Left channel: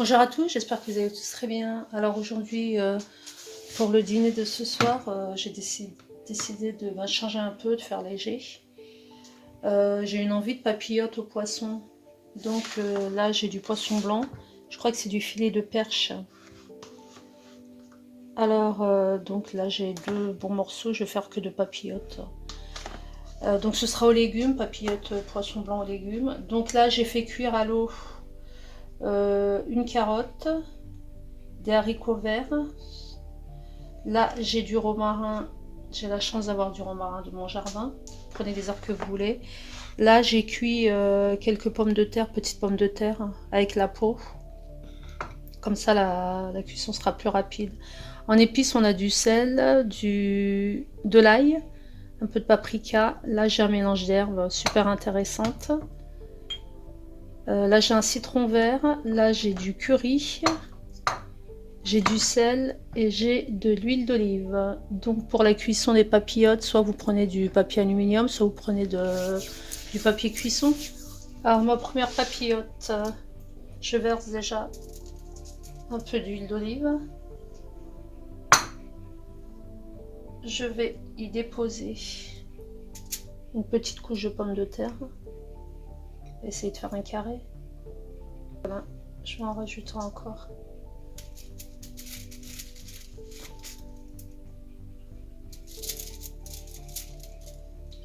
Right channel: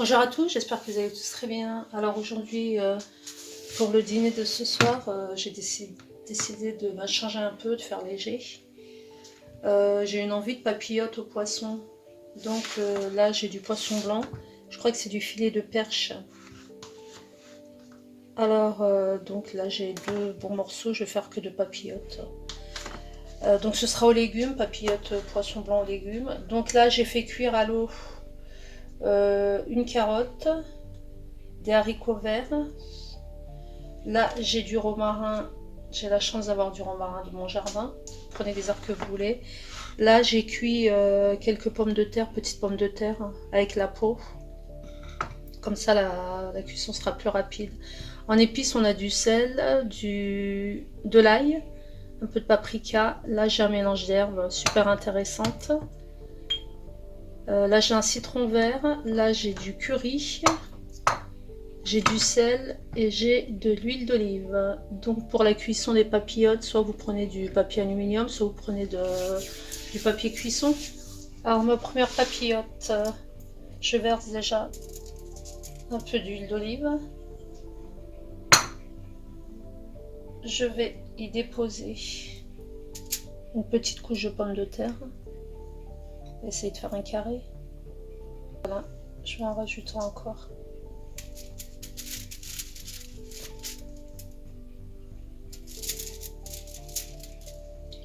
Bonjour à tous, j'espère que vous allez tous très bien. Alors aujourd'hui, pour le dîner de ce soir, j'ai décidé de changer un peu, de faire léger. J'ai une envie de papillote au poisson. Donc là, j'ai du poisson blanc. Je crois que c'est du filet de perche. Alors, donc là, j'ai deux bons morceaux. Je vais faire que de papillotes. Donc ce sera aux légumes, papillote poisson blanc aux légumes. Donc là, j'ai fait cuire à l'eau une carotte, des haricots verts. Là, j'ai du romarin. J'ai la chance d'avoir du romarin de mon jardin. Prenez les herbes que vous voulez. Là, j'ai cuit quelques pommes de terre, petites pommes de terre, avec la peau. Comme ça, la cuisson sera plus rapide. En épices, on a du sel, de l'ail, un peu de paprika. Là, j'ai un mélange d'herbes super intéressante. Là, j'ai un citron vert. Là, j'ai du curry. J'ai du sel et j'ai de l'huile d'olive. Donc pour la cuisson des papillotes, soit vous prenez du papier aluminium, soit vous prenez du papier cuisson. Alors ma première papillote, je verse déjà un peu d'huile d'olive. Je vais y déposer une petite couche de pommes de terre. Essayer de faire un carré. Voilà, je vais en rajouter encore.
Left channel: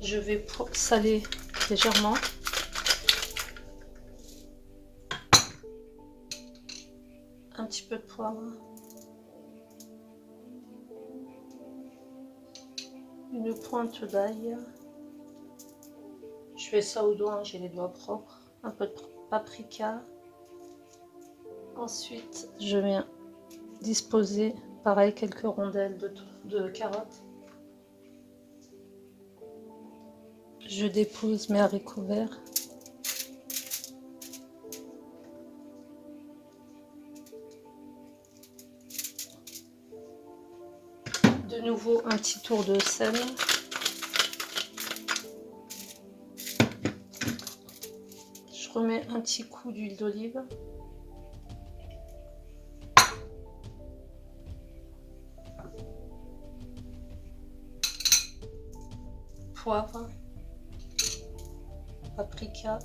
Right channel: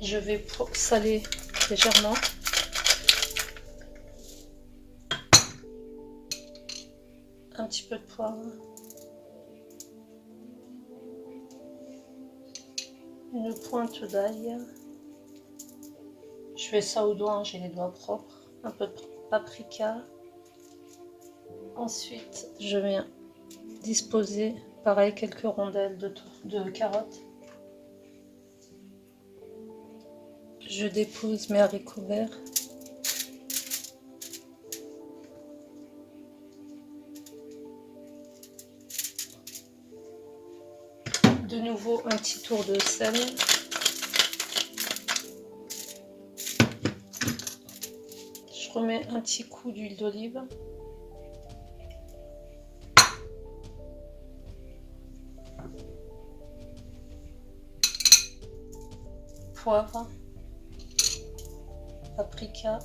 Je vais saler légèrement. Un petit peu de poivre. Une pointe d'ail. Je fais ça au doigt, j'ai les doigts propres. Un peu de paprika. Ensuite, je viens disposer, pareil, quelques rondelles de carottes. Je dépose mes haricots verts. De nouveau, un petit tour de sel. Je remets un petit coup d'huile d'olive. Poivre. Paprika.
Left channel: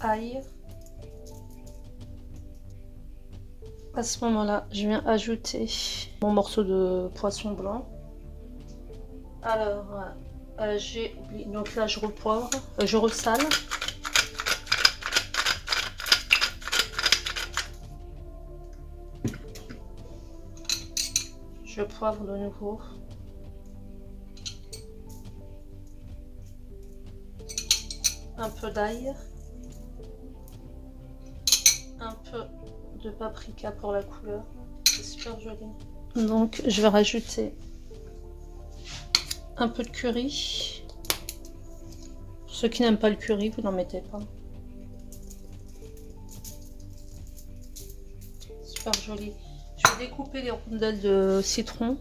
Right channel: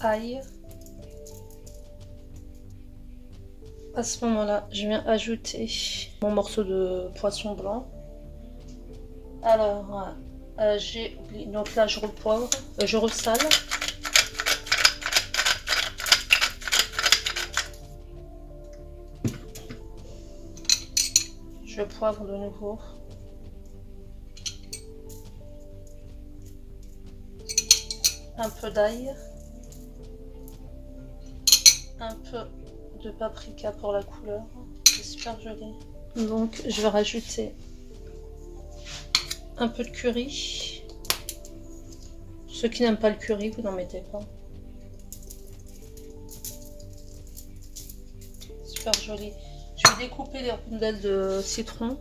Ail. À ce moment-là, je viens ajouter mon morceau de poisson blanc. Alors, j'ai oublié, donc là je repoivre, je ressale. Je poivre de nouveau. Un peu d'ail. Un peu de paprika pour la couleur. C'est super joli. Donc je vais rajouter un peu de curry. Pour ceux qui n'aiment pas le curry, vous n'en mettez pas. Super joli. Je vais découper les rondelles de citron.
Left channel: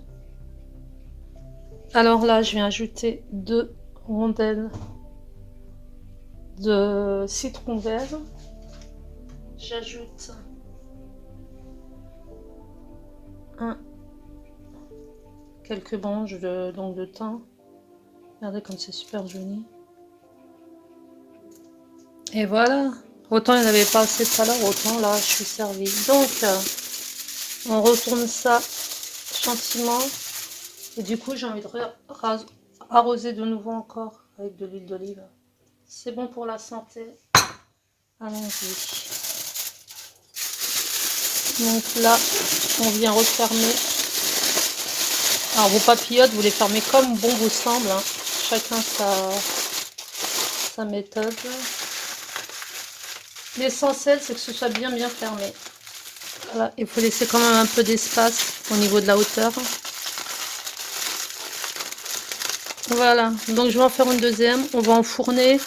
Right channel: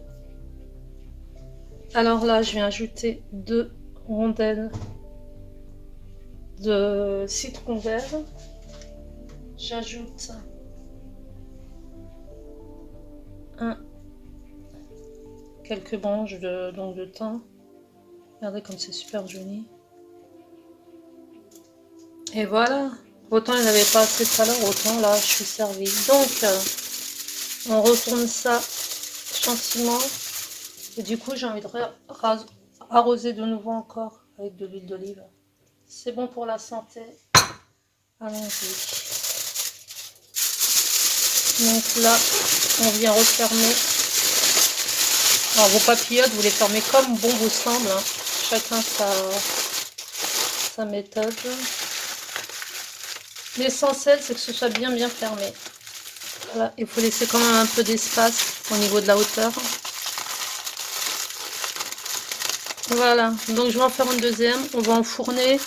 Alors là, je viens ajouter 2 rondelles de citron vert. J'ajoute quelques branches de thym. Regardez comme c'est super joli. Et voilà. Autant il n'y avait pas assez tout à l'heure, autant là je suis servie. Donc on retourne ça gentiment. Et du coup j'ai envie de arroser de nouveau encore avec de l'huile d'olive. C'est bon pour la santé. Allons-y. Donc là, on vient refermer. Alors vos papillotes, vous les fermez comme bon vous semble. Hein. Chacun sa méthode. L'essentiel, c'est que ce soit bien fermé. Voilà, il faut laisser quand même un peu d'espace au niveau de la hauteur. Voilà, donc je vais en faire une deuxième. On va enfourner.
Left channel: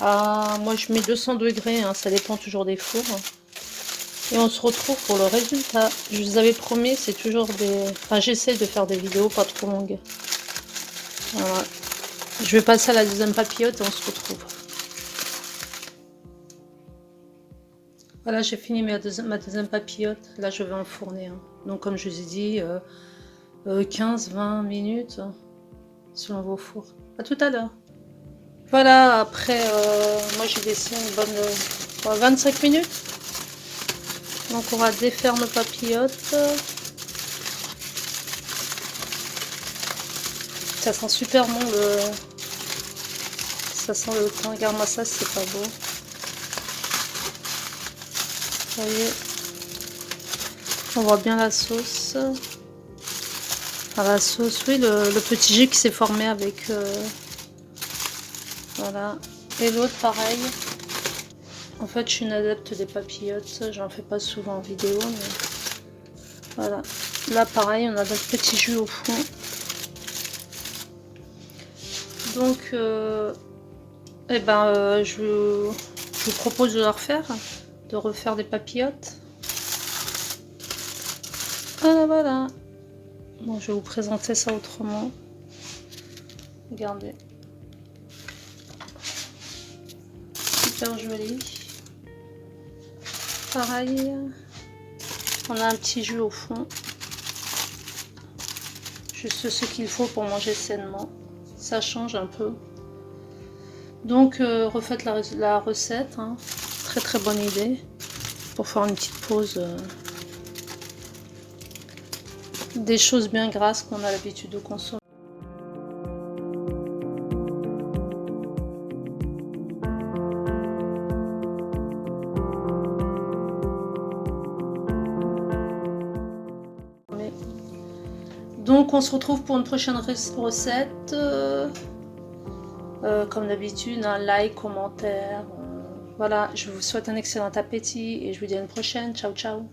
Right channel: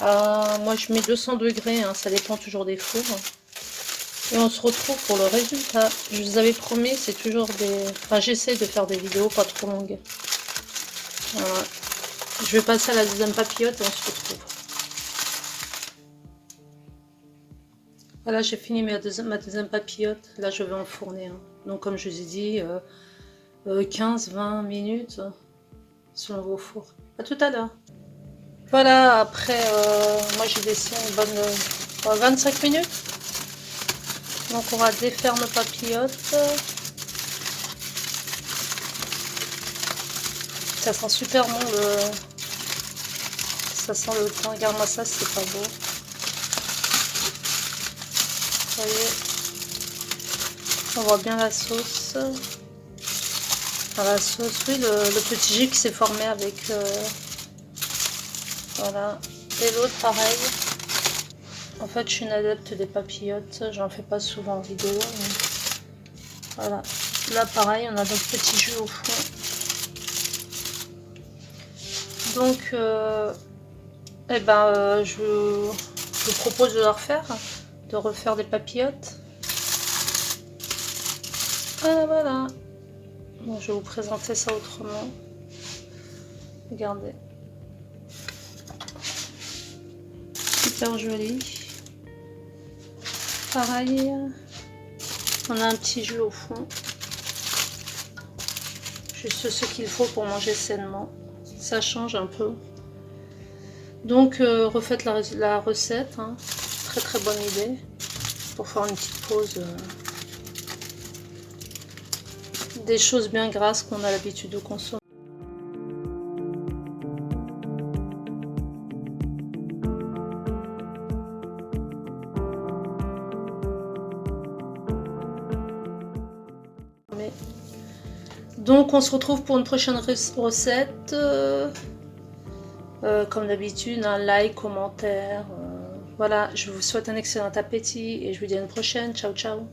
Moi, je mets 200 degrés, hein, ça dépend toujours des fours. Et on se retrouve pour le résultat. Je vous avais promis, c'est toujours des... Enfin, j'essaye de faire des vidéos pas trop longues. Voilà. Je vais passer à la deuxième papillote et on se retrouve. Voilà, j'ai fini ma deuxième papillote. Là, je vais enfourner, hein. Donc, comme je vous ai dit, 15-20 minutes selon vos fours. À tout à l'heure. Voilà, après, moi j'ai laissé une bonne 25 minutes. Donc, on va défaire nos papillotes. Ça sent super bon ça sent le pain. Regarde-moi ça, c'est pas beau. Vous voyez, on voit bien la sauce. Ah, la sauce, oui, le petit jus qui s'est formé avec... voilà. Et l'autre, pareil. En fait, je suis une adepte des papillotes. J'en fais pas souvent en vidéo. Mais... voilà. Là, pareil, on a notre petit jus au fond. Donc, eh ben, je vous propose de le refaire. De refaire des papillotes. Voilà, voilà. Bon, je vais vous présenter ça autrement. Regardez. Super joli. Pareil. On a un petit jus au fond. Juste ce qu'il faut pour manger sainement. Ça change un peu. Donc, refaites la recette. Hein. Très très bonne idée. Pour faire une petite pause. Des choses bien grasses qu'on a l'habitude de consommer. Donc on se retrouve pour une prochaine recette. Comme d'habitude, un like, commentaire. Voilà, je vous souhaite un excellent appétit et je vous dis à une prochaine. Ciao, ciao.